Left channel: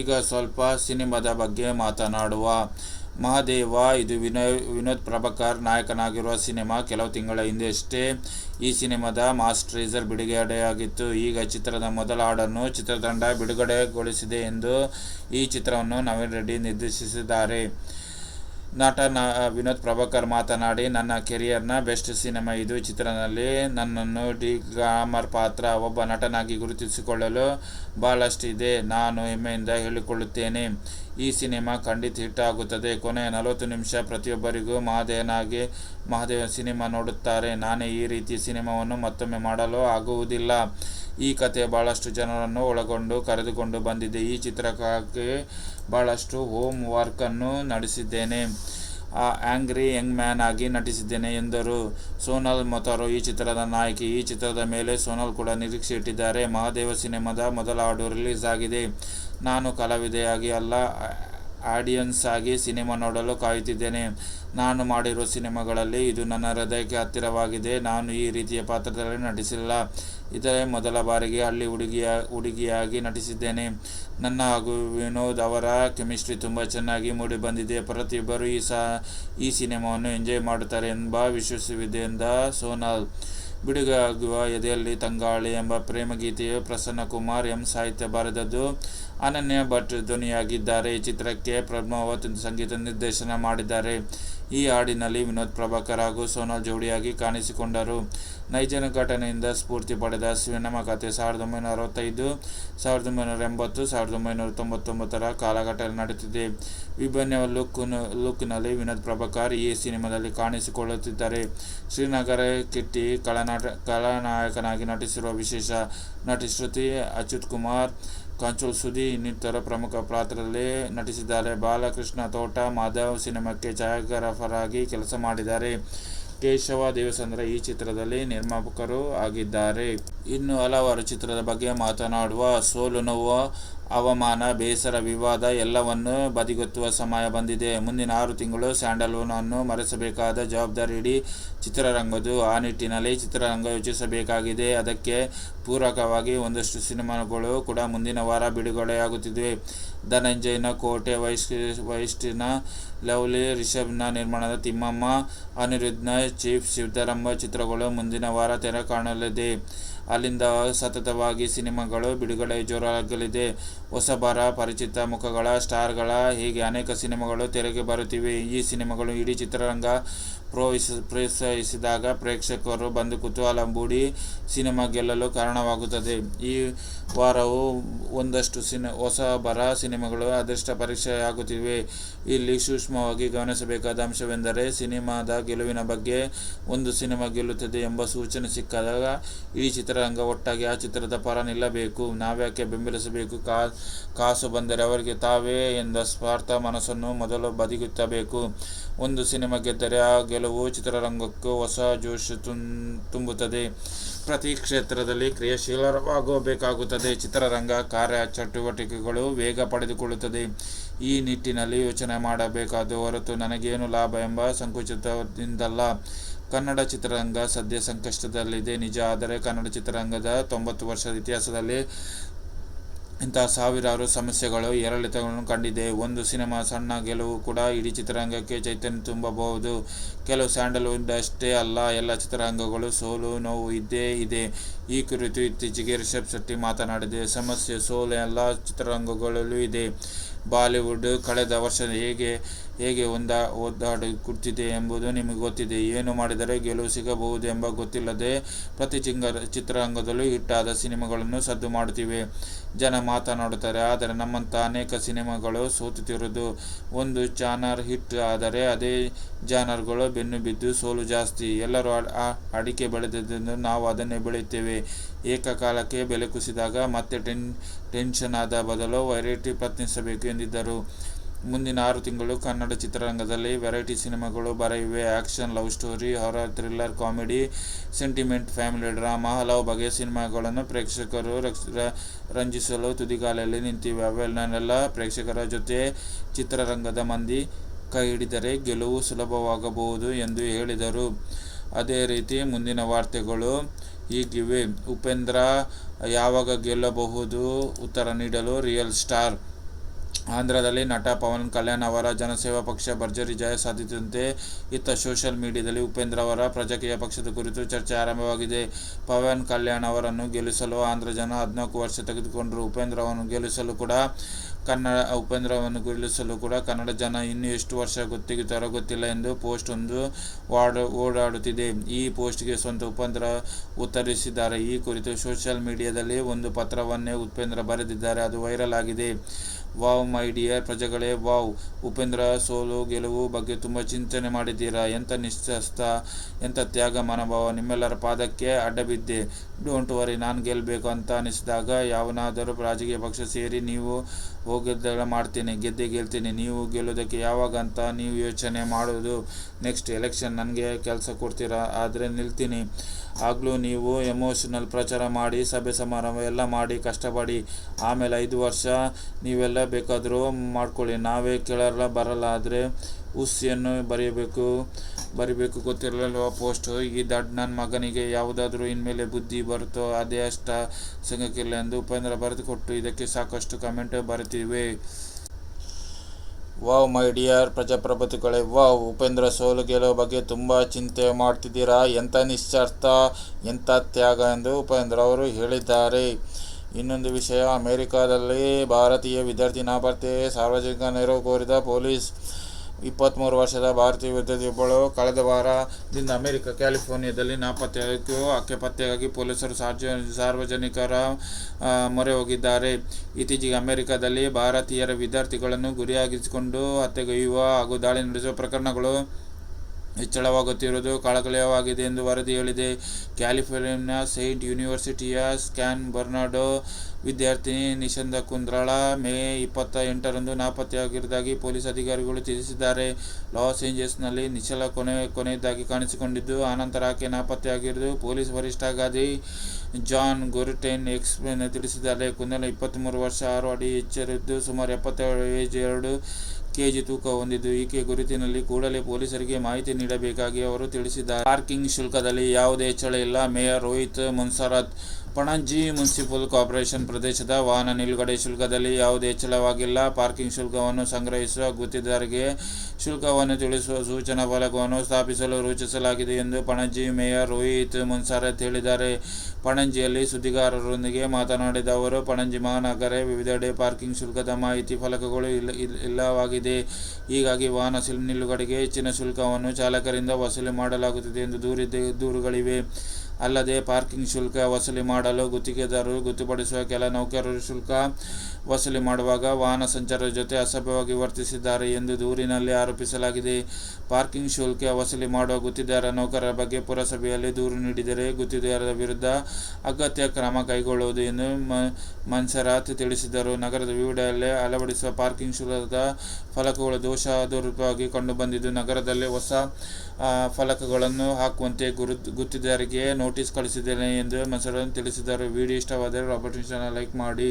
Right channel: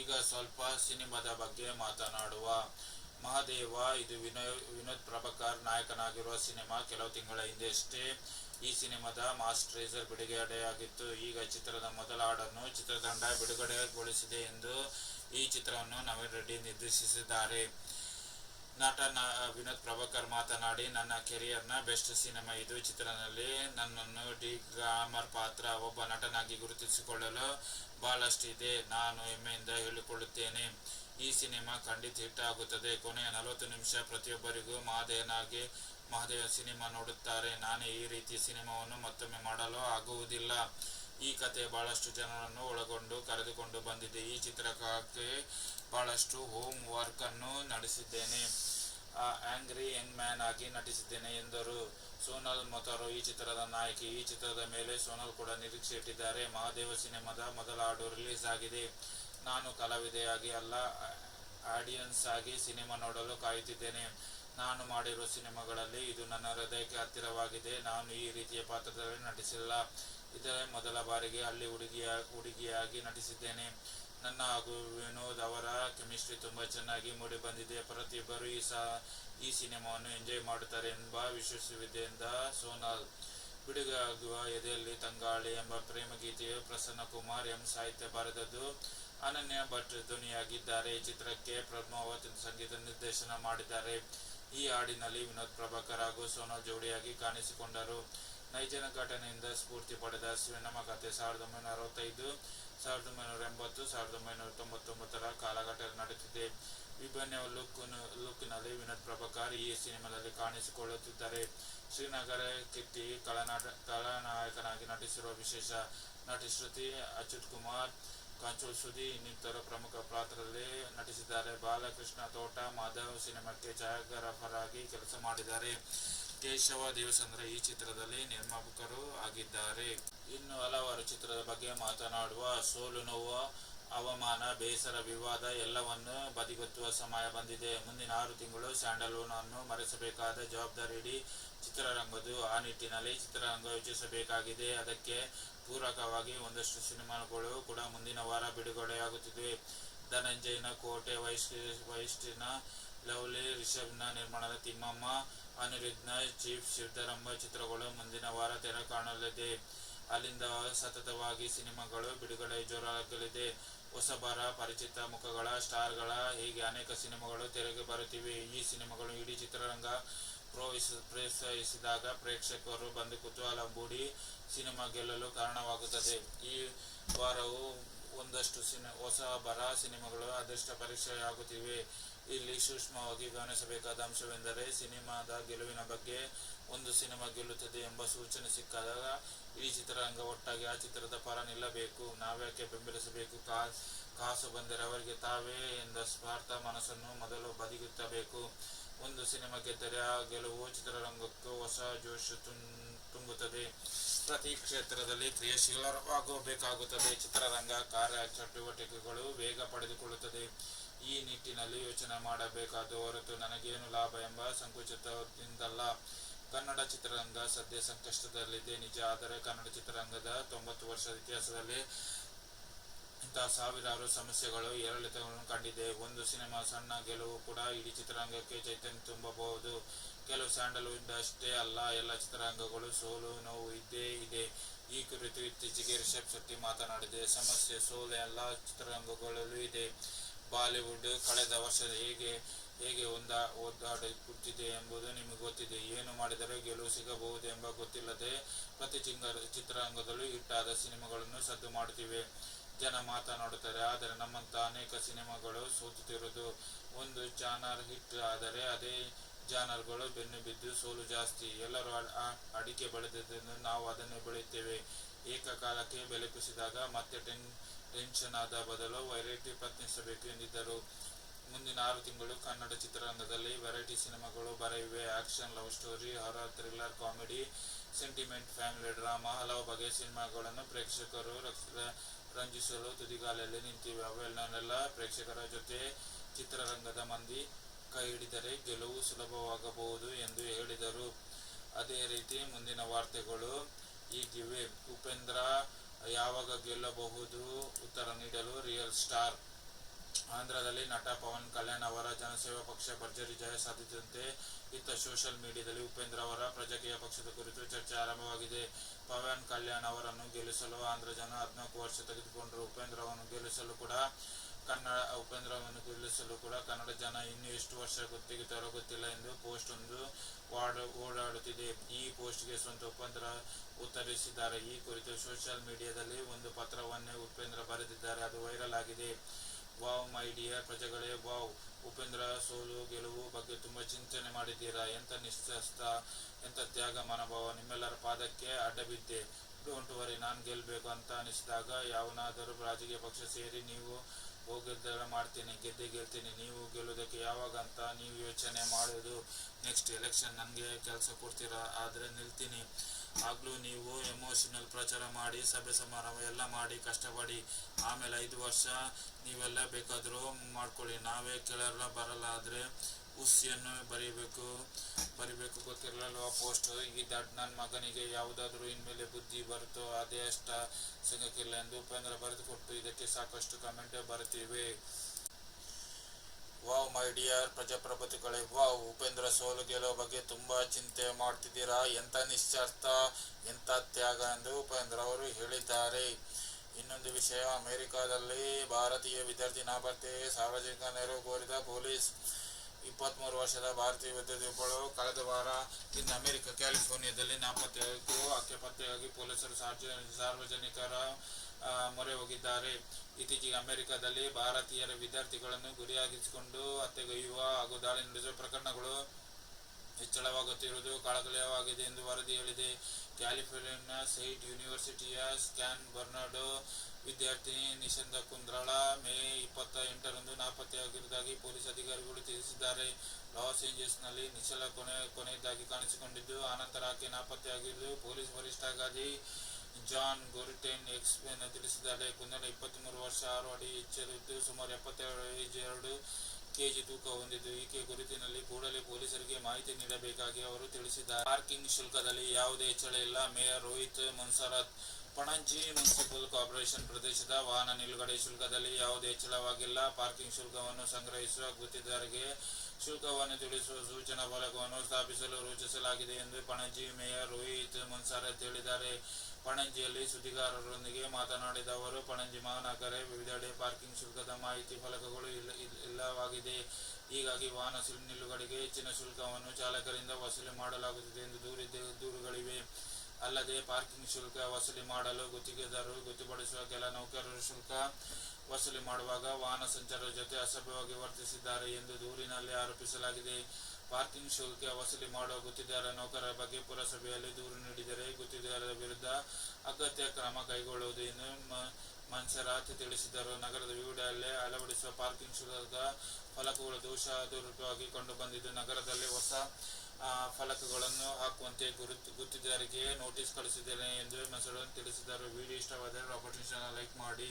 ಈಗ ಸ್ವಲ್ಪ ಸಿನಿಮಾದ ಬಗ್ಗೆ ಮಾತನಾಡುವ ಮಹಾದೇವ. ಇದು ವಿನಯ್, ವಿನೋದ್ ಪ್ರಭಾಕರ್ ನಾಯಕನಾಗಿರುವ ಸಿನಿಮಾ. ಕೆಲವು ತಿಂಗಳ ಹಿಂದೆಯಷ್ಟೇ ಈ ಸಿನಿಮಾದ ಮಾಸ್ ಟ್ರೇಸರ್ ಬಿಡುಗಡೆಯಾಗಿತ್ತು. ಈಗ ಚಿತ್ರದ ಮೊದಲ ಹಾಡನ್ನು ಚಿತ್ರತಂಡ ಬಿಡುಗಡೆಗೊಳಿಸಿದೆ ಎಂದು ಈ ಚಿತ್ರವನ್ನು ನವೀನ್ ರೆಡ್ಡಿ ನಿರ್ದೇಶಿಸಿದ್ದಾರೆ. ನಟ ವಿನೋದ್ ಪ್ರಭಾಕರ್ ಮಾತನಾಡಿ, ನನ್ನ ಕೆರಿಯರ್ನ ಬೆಸ್ಟ್ ಸಿನಿಮಾ ಇದು. ಚಿತ್ರದಲ್ಲಿ ನನ್ನನ್ನು ಡಿ ಗ್ಲಾಮರ್ ಪಾತ್ರ, ಒಬ್ಬ ನಟನಾಗಿ ಗುರುತಿಸಿಕೊಳ್ಳಲು ಬಹಳಷ್ಟಿದೆ. ನಾನು ಹೆಮ್ಮೆಯಿಂದ ಹೇಳಿಕೊಳ್ಳುತ್ತೇನೆ. ಈ ಸಿನಿಮಾ ಖಂಡಿತ ಹಿಟ್ ಆಗುತ್ತದೆ. ಕೊನೆಯ ನಲವತ್ತು ನಿಮಿಷ ಪ್ರತಿಯೊಬ್ಬರಿಗೂ ಮಹಾದೇವನಾಗಿ, ಮಹಾದೇವ ಸಿನಿಮಾ ನೋಡುತ್ತಾರೆ. ನಾನೇ ಈ ರೀತಿ ಸಿನಿಮಾವನ್ನು ಮತ್ತೊಮ್ಮೆ ಮಾಡಲು ಆಗುವುದಿಲ್ಲ. ಈ ಕತೆ ಬಹಳಷ್ಟು ಜನರನ್ನು ಒಳಗೊಂಡು ಕರೆದುಕೊಂಡು ಬಂದಿದೆ ಈ ಚಿತ್ರಕ್ಕಾಗಿ ಬಹಳಷ್ಟು ಹೋಮ್ ವರ್ಕನ್ನು ನಡೆಸಿದ್ದೇನೆ. ಆ್ಯಂಗ್ರಿ ಯಂಗ್ ಮ್ಯಾನ್ ಆಗಿ ನಟಿಸಿದ್ದೇನೆ ಎಂದರು. ಸೋನಲ್ ಮೊತಾರೋ ಈ ಚಿತ್ರದ ನಾಯಕಿ. ಈ ಚಿತ್ರದ ಮೇಲೆ ಸೋನಲ್ ಕೂಡ ನಿರೀಕ್ಷೆ ಇಟ್ಟಿದ್ದಾರೆ. ಮಹಾದೇವ ಸಿನಿಮಾದ ಮೊದಲ ಹಾಡು ರಿಲೀಸ್ ಆಗಿದೆ. ನಾನು ಕಲಾವಿದೆಯಾಗಿ ಅಲ್ಲ ಆಡಿಯನ್ಸ್ ಆಗಿ ಸಿನಿಮಾ ನೋಡಲು ಕಾಯುತ್ತಿದ್ದೇನೆ. ನಾನು ಮಾಡಿರೋ ಸಿನಿಮಾಗಳಲ್ಲಿ ಇದು ನನ್ನ ಹೃದಯಕ್ಕೆ ಹತ್ತಿರವಾಗಿದೆ. ನಾನು ಈ ರೀತಿಯ ಪಾತ್ರದಲ್ಲಿ ನಟಿಸಿಲ್ಲ. ಇದೇ ಮೊದಲ ಬಾರಿಗೆ ಹಳ್ಳಿ ಹುಡುಗಿಯ, ಹುಡುಗಿಯಾಗಿ ನಟಿಸಿದ್ದೇನೆ. ನನ್ನ ಹಾಗೂ ವಿನೋದ್ ಅವರ ಕೆಮಿಸ್ಟ್ರಿ ತುಂಬ ಚೆನ್ನಾಗಿ ಮೂಡಿಬಂದಿದೆ ಪ್ರತಿಯೊಬ್ಬರು ಈ ಸಹ ಈ ಸಿನಿಮಾವನ್ನು ಎಂಜಾಯ್ ಮಾಡುತ್ತಾರೆ ಎಂಬ ವಿಶ್ವಾಸವಿದೆ ಎಂದ ಸೋನಾಲ್. ಬಿಡುಗಾಗುವ ಎದೆಯಲ್ಲಿ ತಂಗಾಳಿ ಎಂಬ ಪ್ರೇಮಗೀತೆಯು ಪ್ರಸನ್ನ ಕುಮಾರ್ ಎಂ ಸಾಹಿತ್ಯ ಬರೆದದ್ದು. ಅನನ್ಯ ಭಟ್ ಧ್ವನಿಯಾಗಿದ್ದಾರೆ. ಈ ಚಿತ್ರಕ್ಕೆ ಪದ್ಮಾವತ್ ಸಂಗೀತ ನಿರ್ದೇಶನ ಮಾಡಿದ್ದಾರೆ. ಈ ಹಾಡಿನಲ್ಲಿ ವಿನೋದ್ ಪ್ರಭಾಕರ್ ಹಾಗೂ ಸೋನಾಲ್ ಜೋಡಿಯಾಗಿ ಕಾಣಿಸಿಕೊಂಡರು. ನೈಜ ಘಟನೆಯಿಂದ ಸ್ಫೂರ್ತಿ ಪಡೆದ ಸಿನಿಮಾ ಕಥೆ ಸಾವಿರದ ಒಂಬೈನೂರ ಅರವತ್ತೈದು, ಸಾವಿರದ ಒಂಬೈನೂರ ಎಂಬತ್ತು, ಸಾವಿರದ ಒಂಬೈನೂರ ತೊಂಬತ್ತೊಂಬತ್ತರ ಕಾಲಘಟ್ಟದಲ್ಲಿ ನಡೆಯುತ್ತಿದೆ. ವಿಭಿನ್ನ ಲುಕ್ ಲುಕ್ನಲ್ಲಿ ವಿನೋದ್ ಪ್ರಭಾಕರ್ ಈ ಸಿನಿಮಾದಲ್ಲಿ ಕಾಣಿಸಿಕೊಳ್ಳುತ್ತಿದ್ದಾರೆ. ಶ್ರೀನಗರ ಕಿಟ್ಟಿ ಕಳನಾಟ ಕಲಾನಾಯಕನಾಗಿ ನಟಿಸಿರುವ ವಿಶೇಷ ನಟಿ ಶ್ರುತಿ ಅಚ್ಯುತ್ ಕುಮಾರ್ ಕಾಂಚೋಲ್ ಸುದಿ ಇನ್ನಿತರ ಪ್ರಮುಖ ಪಾತ್ರದಲ್ಲಿ ನಟಿಸಿದ್ದಾರೆ. ಬಾಲಕೃಷ್ಣ ತೋಟ ಮಾಧವ್ ಸಿನಿಮಾಕ್ಕೆ ಛಾಯಾಗ್ರಾಫರಾಗಿ ಕೆಲಸ ಮಾಡಿದ್ದಾರೆ. ಕೇಶವ ದೇವಸಂದ್ರ ಈ ಚಿತ್ರದಲ್ಲಿ ನಿರ್ಮಾಪಕರು ಆಗಿದ್ದಾರೆ. ಇನ್ನು ಹಲವಾರು ಚಿತ್ರದ ಬಗ್ಗೆ ಮಾತನಾಡುವ ಸೋಲು, ನೋವು, ಅವಮಾನ, ಬೇಸರ, ವಿವಾದ ಎಲ್ಲವನ್ನು ಬದಿಗೊತ್ತುವ ಸಮಯ ಬಂದಿದೆ. ಮುಂದಿನ ಆರು ತಿಂಗಳು ಸ್ಯಾಂಡಲ್ವುಡ್ ಅನ್ನು ಮರೆಸಬೇಕಾದ ಜವಾಬ್ದಾರಿ ಇಡೀ ಚಿತ್ರರಂಗದ್ದು. ಆ ನಿಟ್ಟಿನಲ್ಲಿ ಚಿತ್ರರಂಗ ಯೋಚಿಸಬೇಕಾಗಿದೆ. ಅದಕ್ಕೆ ಪೂರಕವಾಗಿ ಒಂದಷ್ಟು ಸಿನಿಮಾಗಳು ಕೂಡ ಮುಂದಿನ ವಾರ ಬಿಡುಗಡೆಯಾಗುತ್ತಿವೆ. ಧನಂಜಯನ ಕೋಟೆ ವೈಶ್ ವೈಷ್ಟಿನ ಲವ್ಲಿ ರಿಷಬ್ನ ನಿರ್ಮಾಣದ ತಿಮ್ಮಮ್ಮ ಅನಿರುದ್ಧ ಚೀಫ್ ಸಿದ್ದರಾಮ ಚಿತ್ರಗಳು ಮುಂದಿನ ವಾರ ತೆರೆ ಕಾಣಲಿದೆ. ಅಲ್ಲಿಂದ ಸತತವಾಗಿ ಸಿನಿಮಾಗಳು ಬಿಡುಗಡೆ ಜೋರಾಗಲಿದೆ. ಹೊಸಬರ ಪರಿಚಿತ ಮುಖಗಳ, ಸ್ಟಾರ್ಗಳ ಹೀಗೆ ಅನೇಕ ಸಿನಿಮಾಗಳು ತೆರೆಗೆ ಬರುತ್ತಿವೆ. ಈ ಸಿನಿಮಾಗಳು ಇಡೀ ಚಿತ್ರರಂಗ ಪ್ರೋತ್ಸ ಪ್ರೋತ್ಸಾಹಿಸಿದಾಗ ಪ್ರೇಕ್ಷಕರು ಬಂದು ಕುತೂಹಲ ಮೂಡಿ ಸಿನಿಮಾ ಗೆಲ್ಲಲು ಕಾರಣವಾಗುತ್ತದೆ. ಈ ವಾರವು ಒಂದಷ್ಟು ಸಿನಿ ಹೊಸಬರ ಸಿನಿಮಾಗಳು ಅದೃಷ್ಟ ಪರೀಕ್ಷೆಯಾಗುತ್ತಿವೆ. ಇಲ್ಲಿ ಸೂಕ್ಷ್ಮವಾಗಿ ಗಮನಿಸಬೇಕಾದ ಅಂಶವೆಂದರೆ ಸಿನಿಮಾದ ಗೆಲುವಿನ ಬಗ್ಗೆ ಒಂದು ಸಿನಿಮಾ ಗೆಲ್ಲುತ್ತದೆ ಎಂಬ ಸೂಚನೆ ಸಿಕ್ಕಾಗ ಈ ಚಿತ್ರರಂಗ ಒಟ್ಟಾಗಿ ಆ ಚಿತ್ರದ ಪರ ನಿಲ್ಲಬೇಕು. ನಾವ್ಯಾಕೆ ಬೆಂಬಲಿಸಬೇಕು? ಕಾ, ಕಾಸು ಬಂದರೆ ಅವರಿಗೆ ತಾವೇ ಎಂದ ಸ್ವಾರ್ಥ ಮನಸ್ಸನ್ನು ಮೊದಲು ಬದಿಗುತ್ತಬೇಕು. ಒಂದು ಸಿನಿಮಾ ಗೆದ್ದರೆ ಆ ಗೆಲುವು ಚಿತ್ರರಂಗಕ್ಕೂ ಹೊಸ ಜೋಶ್ ತುಂಬುತ್ತದೆ. ಪ್ರತಿ ಕ್ಷೇತ್ರದಲ್ಲಿ ಕ್ರಿಯಾಶೀಲವಾಗಬೇಕಾಗುತ್ತದೆ ಚಿತ್ರರಂಗ ಕಾರ್ಯ ಚಟುವಟಿಕೆಗಳು ವೇಗ ಪಡೆದುಕೊಳ್ಳುತ್ತದೆ. ಈ ನಿಟ್ಟಿನಲ್ಲಿ ಯೋಚನೆ ಮಾಡಬೇಕಾದ ಹೊರತು ನನಗೇನು ಲಾಭ ಎಂಬ ಸಂಕುಚಿತದಿಂದಲ್ಲ. ಕನ್ನಡ ಚಿತ್ರರಂಗ ಸದ್ಯ ಸಂಕಷ್ಟದಲ್ಲಿದೆ. ನಿಜ ಆದರೆ ಕನ್ನಡ ಚಿತ್ರರಂಗದ ತೊಂಬತ್ತು ವರ್ಷದ ಇತಿಹಾಸದಲ್ಲಿ ಇಂತಹ ಸಾವಿರಾರು ಸಮಸ್ಯೆಗಳು ಏರಿಳಿತಗಳನ್ನು ಕಂಡಿದೆ. ಒಂದು ಸಿನಿಮಾ ಸಣ್ಣ ಗೆಲುವು ಕೂಡ ಇಡೀ ಚಿತ್ರರಂಗಕ್ಕೆ ಚೈತನ್ಯ ತುಂಬಬಹುದು. ಕೆಲವು ಸ್ಯಾಂಡಲ್ವುಡ್ ಅಷ್ಟೇ ಅಲ್ಲ, ಎಲ್ಲ ಚಿತ್ರರಂಗಗಳು ಸೋಲು ನೋವು ಇದ್ದೇ ಇದೆ. ಈ ಕುರಿತು ಇತ್ತೀಚೆಗೆ ರಿಷಬ್ ಶೆಟ್ಟಿ ಮಾತನಾಡಿದೆ. ಸಮಸ್ಯೆ, ಸೋಲು ಎಲ್ಲ ಚಿತ್ರರಂಗಗಳಲ್ಲೂ ಇದೆ. ಬಾಲಿವುಡ್ ಕಳೆದ ವರ್ಷ ಹೇಗೆ ಹೇಗೆ ಒಂದ ಕೊಡ್ತಿದೆ ಎಂಬುದು ನಿಮಗೆ ಗೊತ್ತಿದೆ. ಏನು ಮಾಡಿದರೆ ಗೆಲುವು ಸಿಗಬಹುದು ಎಂಬ ಗೊತ್ತಿಲ್ಲದೆ ಪ್ರತಿ ಚಿಂಗ ಚಿತ್ರರಂಗದಲ್ಲೂ ಹಿಟ್ಟಾದ ಸಿನಿಮಾಗಳನ್ನು ಸದ್ದು ಮಾಡುತ್ತಿವೆ. ಜನ ಮಾತನಾಡುತ್ತಾರೆ. ಆದರೆ ನಮ್ಮಂಥ ಅನೇಕ ಸಿನಿಮಾಗಳು ಸೋತುತ್ತಿರುವುದು ಒಂದು ಚಾನರ್ ಹಿಟ್. ಆದರೆ ಅದೇ ಜಾನರ್ಗಳು ಬೆನ್ನು ಬಿದ್ದು ಸೋಲು ಜಾಸ್ತಿ. ಎಲ್ಲರೂ ಅಡಿಕೆ ಬೆಳೆದಿದ್ದರಿಂದ ನಾವು ಅದನ್ನೇ ಬೆಳೆಯುತ್ತೇವೆ. ಏಕಕಾಲಕ್ಕೆ ಬೆಲೆ ಕುಸಿದಾಗ ಮತ್ತೆ ಟೆನ್, ಟೆನ್ಷನ್ ಆದ ಬದಲು ವೆರೈಟಿ ಪ್ರಯತ್ನಿಸಬೇಕು ಎಂದಿದ್ದರು. ಮುಂದಿನ ಆರು ತಿಂಗಳು ಕನ್ನಡ ಚಿತ್ರರಂಗದಲ್ಲಿ ವೆರೈಟಿ ಸಿನಿಮಾಗಳು ಬರೆಯಿವೆ. Action, love story, horror, thriller, comedy, sentiment, family drama ಹಲವು ಬಗೆಯ ಸಿನಿಮಾಗಳನ್ನು ಪ್ರೇಕ್ಷಕರು ರಂಜಿಸಲು ತುದಿಗಾಲಲ್ಲಿ ನಿಂತಿವೆ. ಅವೆಲ್ಲನೆಲ್ಲ ಪ್ರೇಕ್ಷಕರ ಜೊತೆ ಚಿತ್ರರಂಗದ ಮಂದಿ ಕೈ ಹಿಡಿದರೆ ಗೆಲುವು ಸುಲಭವಾಗಬಹುದು ಎಂದು ಹೇಳಿದರು. ಅದೇ ರೀತಿ ಮುಂದಿನ ವಾರ್ತೆಗಳು ಈಗಿವೆ ಉಪೇಂದ್ರ ಯಾವಾಗ ಗೆಲ್ಲಬಹುದು? ಉತ್ತರ ನೀಡಲು ರಿಯಲ್ ಸ್ಟಾರ್ ಆಂಧ್ರದಲ್ಲಿ ನಟ ಪವನ್ ಕಲ್ಯಾಣ್ ಅವರ ಜನಸೇವಾ ಪಕ್ಷ ಭರ್ಜರಿ ಜಯ ಸಾಧಿಸಿದಂತೆ ಇತ್ತ ಸೋಷಿಯಲ್ ಮೀಡಿಯಾದಲ್ಲಿ ಉಪೇಂದ್ರ ಅವರ ಪ್ರಜಾಕೀಯ ಪಕ್ಷದ ಕುರಿತು ಚರ್ಚೆ ಆರಂಭವಾಗಿದೆ. ಪವನ್ ಕಲ್ಯಾಣ್ ಅವರನ್ನು ಗೆಲ್ಲಿಸಲು ಆಂಧ್ರ ಜನ ಹದಿನಾಲ್ಕು ವರ್ಷ ತೆಗೆದುಕೊಂಡರು. ಉಪೇಂದ್ರವನ್ನು ಗೆಲ್ಲಿಸಲು ಕೂಡ ಕನ್ನಡ ಉಪೇಂದ್ರವನ್ನು ಗೆಲ್ಲಿಸಲು ಕೂಡ ಕನ್ನಡ ಜನ ಇನ್ನು ಎಷ್ಟು ವರ್ಷ ತೆಗಿತಾರೋ ಗೊತ್ತಿಲ್ಲ ಎಂದು ಪೋಸ್ಟ್ ಒಂದು ವಾಡ, ಓಡಾಡುತ್ತಿದೆ. ಈ ಪೋಸ್ಟ್ಗೆ ಸ್ವಂತ ಉಪೇಂದ್ರ ಉತ್ತರಿಸಿದ್ದಾರೆ. ಈ ಕುರಿತು ಸೋಷಿಯಲ್ ಮೀಡಿಯಾದಲ್ಲಿ ಒಂದು ಪತ್ರವನ್ನೇ ಉಪೇಂದ್ರ ಬರೆದಿದ್ದಾರೆ. ಅದು ವೈರಲ್ ಆಗಿದೆ. ವಾವ್, ಮೈ ಡಿಯರ್ ಪ್ರಜೆಗಳೇ, ವಾವ್. ಉಪೇಂದ್ರ ಸೋಲು, ಗೆಲುವು ಬಗ್ಗೆ ತುಂಬ ಚಿಂತನೆ ಮಾಡಿದ್ದೀರಾ? ಎಂಥ ನಿಶ್ಚಸ್ತ ಎಂಥ ತ್ಯಾಗ ಮನೋಭಾವ? ನಿಮ್ಮೆಲ್ಲರ ಪಾದಕ್ಕೆ ಅಡ್ಡಬಿದ್ದೆ. ಡೋಂಟ್ ವರಿ ನಾನು ಗೆಲ್ಲಬೇಕು ಅಂತ ಅನಿಸಿದಾಗ, ಯಾವನಾದರೂ ರಾಜಕೀಯ ಪಕ್ಷ ಸೇರಿ ನೀವು ಹೋಗಿದ್ದೆಲ್ಲ ಮಾಡ್ತೀನಿ, ಗೆದ್ದೆ ಗೆಲ್ತೀನಿ, ನೀವು ಗೆಲ್ಲೋದಕ್ಕೆ ಯಾವಾಗ ಅಂತ ನೀವು ಯೋಚನೆ ಮಾಡೋದು ನೆಕ್ಸ್ಟ್ ಎಲೆಕ್ಷನ್ ನನಗೆ ಕೆಲಸ ಕೊಡ್ತೀರಾ? ಆದರೆ ನಿಲ್ತೀನಿ. ಆಗಲೂ ನೀವು ಎಮೋಷನಲ್ ಪ್ರಚಾರ ಮಾಡಿ, ಸಭೆ ಸಮಾರಂಭ ಎಲ್ಲ ಮಾಡಿ, ಕಷ್ಟಪಡಿ, ಆಮೇಲೆ ಐದು ವರ್ಷ ನೀವೆಲ್ಲ ಬೇಕಾದರೂ ಮಾಡ್ಕೊಳ್ಳಿ. ನಾವೇ ಕೇಳಲ್ಲ ಬರಲ್ಲ, ಆದರೆ ಉಸಿಯನ್ನು ಬರೆಯಬೇಕು ಬರಿಬೇಕು ಗೊತ್ತಿರಲಿಲ್ವ ಪೋಸ್ಟ್. ಈ ದಡ್ ನನ್ನ ಮಗನಿಗೆ ಯಾವುದಾದ್ರೂ ಇನ್ಮೇಲೆ ಬುದ್ಧಿ ಬರುತ್ತೋ ಅದೇ ಅಷ್ಟ ಸಂಘಕ್ಕಿಲ್ಲ ಎಂದು ಉಪೇಂದ್ರ ಬರೆದುಕೊಟ್ಟು ಇದಕ್ಕೆ ಸಾಕಷ್ಟು ಕಮೆಂಟ್ ಬರುತ್ತಿವೆ ವಾವ್, ಮೈ ಡಿಯರ್ ಪ್ರಜಾಪ್ರಭುತ್ವಗಳೇ ವಾವ್, ಉಪೇಂದ್ರ ಸೋಲು ಗೆಲುವ ಬಗ್ಗೆ ತುಂಬ ಚಿಂತೆ ಮಾಡ್ತಿದ್ದೀರಾ? ಎಂಥ ನಿಶ್ಚಾರ್ಥ ಎಂಥ ತ್ಯಾಗ ಎಂದು ಉಪೇಂದ್ರ ಅವರು ಹೇಳಿದ್ದಾರೆ. ಇನ್ನೊಂದು ವಿಷಯ, ಅಮೆರಿಕಾದಲ್ಲಿ ಭಾರತೀಯ ವಿದ್ಯಾರ್ಥಿ ನಾಪತ್ತೆ, ಸಾರ್ವಜನಿಕ ನೆರವು ಕೋರಿದ ಪೊಲೀಸ್ ಇಪ್ಪತ್ತ್ಮೂರು ವರ್ಷದ ಭಾರತೀಯ ವಿದ್ಯಾರ್ಥಿಯೊಬ್ಬಳು ಕಳೆದ ವಾರದಿಂದ ಅಮೆರಿಕ, ಕ್ಯಾಲಿಫೋರ್ನಿಯಾದಲ್ಲಿ ನಾಪತ್ತೆಯಾಗಿದ್ದು ಆಕೆ ಪತ್ತೆಗಾಗಿ ಪೊಲೀಸರು ಸಾರ್ಜ, ಸಾರ್ವಜನಿಕರ ಮೊರೆ ಹೋಗಿದ್ದಾರೆ. ಇತ್ತೀಚೆಗೆ ಅಮೆರಿಕದಲ್ಲಿ ಭಾರತೀಯರ ವಿದ್ಯಾರ್ಥಿಗಳನ್ನು ಗುರಿಯಾಗಿಸಿಕೊಂಡು ಹತ್ಯೆಗೈಯುವ ಹಾಗೂ ದಾಳಿ ನಡೆಸುವ ಪ್ರಕರಣಗಳು ಹೆಚ್ಚಳವಾಗುತ್ತಿರುವುದು ಕಳಕಳಿಯವಾಗಿದೆ ಎಂದು ವರದಿ ಹೇಳಿದೆ. ಕ್ಯಾಲಿಫೋರ್ನಿಯಾ ಸೈಂಟ್ ಯೂನಿವರ್ಸಿಟಿಯ ಸ್ಕ್ಯಾನ್ ಬರ್ನಾಡೋ ವಿದ್ಯಾರ್ಥಿನಿ ನಿಶಂದ ಕುಂದ್ರಾಳ ಮೇ ಇಪ್ಪತ್ತ ಎಂಟರಂದು ನಾಪತ್ತೆಯಾಗಿರುವುದಾಗಿ ಪೊಲೀಸ್ ಅಧಿಕಾರಿಗಳು ತಿಳಿಸಿದ್ದಾರೆ. ಲಾಸ್ ಏಂಜಲ್ಸ್ನಲ್ಲಿ ನಿಶಲ ಕೊನೆ ಕೊನೆಯದಾಗಿ ಕಾಣಿಸಿಕೊಂಡಿದ್ದು, ಆನಂತರ ಆಕೆ ನಾಪತ್ತೆಯಾಗಿರುವುದು ಪೊಲೀಸ್ ವರಿಷ್ಠಾಗಾದಿ ಜಾನ್ ಗೊರ್ಟೆನ್ ಎಕ್ಸ್ ತಿಳಿಸಿದ್ದಾರೆ. ಕುಂದಲ ಇಪ್ಪತ್ತ್ಮೂರು ವರ್ಷ ಆರು ಅಡಿ ಹೆಚ್ಚರಿದ್ದು ಸುಮಾರು ಎಪ್ಪತ್ತೇಳು ಏಜ್ ಎರಡು ಕೆಜಿ ತೂಕ ಹೊಂದಿದ್ದು, ಈಕೆ ಗುರುತಿನಲ್ಲಿ ಕೂಡಲೇ ಪೊಲೀಸರಿಗೆ ಮಾಹಿತಿ ನೀಡಬೇಕಾಗಿ ಅವರು ತಿಳಿಸಿದ್ದಾರೆ. ಪಾರ್ಕಿಂಗ್ ಶುಲ್ಕದಲ್ಲಿ ಯಾವುದೇ ಹೆಚ್ಚಳ ಇಲ್ಲ. Mayor Rohit Monserrate Panaji municipal corporation ಪ್ರದೇಶದ ವಾಹನ ನಿಲುಗಡೆ ಶುಲ್ಕದಲ್ಲಿ ಯಾವುದೇ ಹೆಚ್ಚಳವಾಗಿಲ್ಲ ಪಾರ್ಕಿಂಗ್ ಶುಲ್ಕವನ್ನು ಸಂಗ್ರಹಿಸುವ ಗುತ್ತಿದಾರಿಗೆ ಶುಲ್ಕವನ್ನು ತಿಳಿಸುವ ಸೂಚನಾ ಫಲಕವನ್ನು ಸ್ಥಾಪಿಸಲು ರೂಚಿಸಲಾಗಿದೆ ಎಂದು ಪಣಜಿ ಮೇಯರ್ ರೋಹಿತ್ ಮುನ್ಸಾರತ್ ಹೇಳಿದ್ದಾರೆ. ಪಣಜಿಯಲ್ಲಿ ಸುದ್ದಿಗಾರರೊಂದಿಗೆ ಮಾತನಾಡಿದ ಅವರು, ಪಣಜಿ ಮಹಾನಗರ ವಿವಿಧೆಡೆ ಪಾರ್ಕಿಂಗ್ ಶುಲ್ಕದ ಮಾಹಿತಿ ಫಲಕಗಳು ಇಲ್ಲ, ಇಲ್ಲ- ಇಲ್ಲವಾಗಿದೆ. ಹೀಗಾಗಿ ವಾಹನ ನಿಲುಗಡೆಗೆ ಹೆಚ್ಚಿನ ಶುಲ್ಕವನ್ನು ಚಾಲಕರಿಂದ ವಸೂಲಿ ಮಾಡಲಾಗುತ್ತಿದೆ ಎಂದು ದೂರಿದೆ, ದೂರುಗಳಿವೆ. ಅಲ್ಲದೆ ಪಾರ್ಕಿಂಗ್ ಶುಲ್ಕ ವಸೂಲಿ ಮಾಡಲು ಗುತ್ತಿಗೆದಾರರು ಗೊತ್ತುಪಡಿಸುವ ಕೆಲ ನೌಕರರು ಶುಲ್ಕ ವಸೂಲಿ ಮಾಡುವಾಗ ವಾಹನ ಸಂಚಾರದ ಜೊತೆ ಅಸಭ್ಯವಾಗಿ ವರ್ತಿಸಿದ್ದಾರೆ ಎಂದು ದೂರಿನಲ್ಲಿ ಆರೋಪಿಸಲಾಗಿದೆ. ಪಾರ್ಕಿಂಗ್ ಶುಲ್ಕ ವಸೂಲಿ ಮಾಡುವ ಗುತ್ತಿದಾರ ನೌಕರರ ಬಗ್ಗೆ ಪುರಸಭೆಯಲ್ಲಿ ದೂರು ನೀಡಿದರೆ ಗುತ್ತಿದಾರರ ವಿರುದ್ಧ ಅಗತ್ಯ ಕ್ರಮ ಕೈಗೊಳ್ಳುವುದು ಎಂದು ಮನ್ಸರಾತ್ ತಿಳಿಸಿದರು. ನಗರದ ವಿವಿಧೆಡೆ ಅಳವಡಿಸುವ ಪಾರ್ಕಿಂಗ್ ಶುಲ್ಕದ ಫಲಕಗಳು ದೋಷ ದುರುಪವಾಗಿ ಕಂಡುಬಂದಿದ್ದು, ನಗರದಲ್ಲಿ ಹೊಸ ಫಲಕಗಳನ್ನು ಹಾಕುವಂತೆ ಗುರು ಗುತ್ತಿದಾರರಿಗೆ ನೋಟಿಸ್ ಕಳಿಸಿದ್ದೇನೆ ಎಂದು ಮನ್ಸರಾತ್ ತಿಳಿಸಿದರು. ವಿಡಿಯೋ ಇಷ್ಟವಾದರೆ ಚಾನಲ್ ಲೈಕ್ ಮಾಡಿ.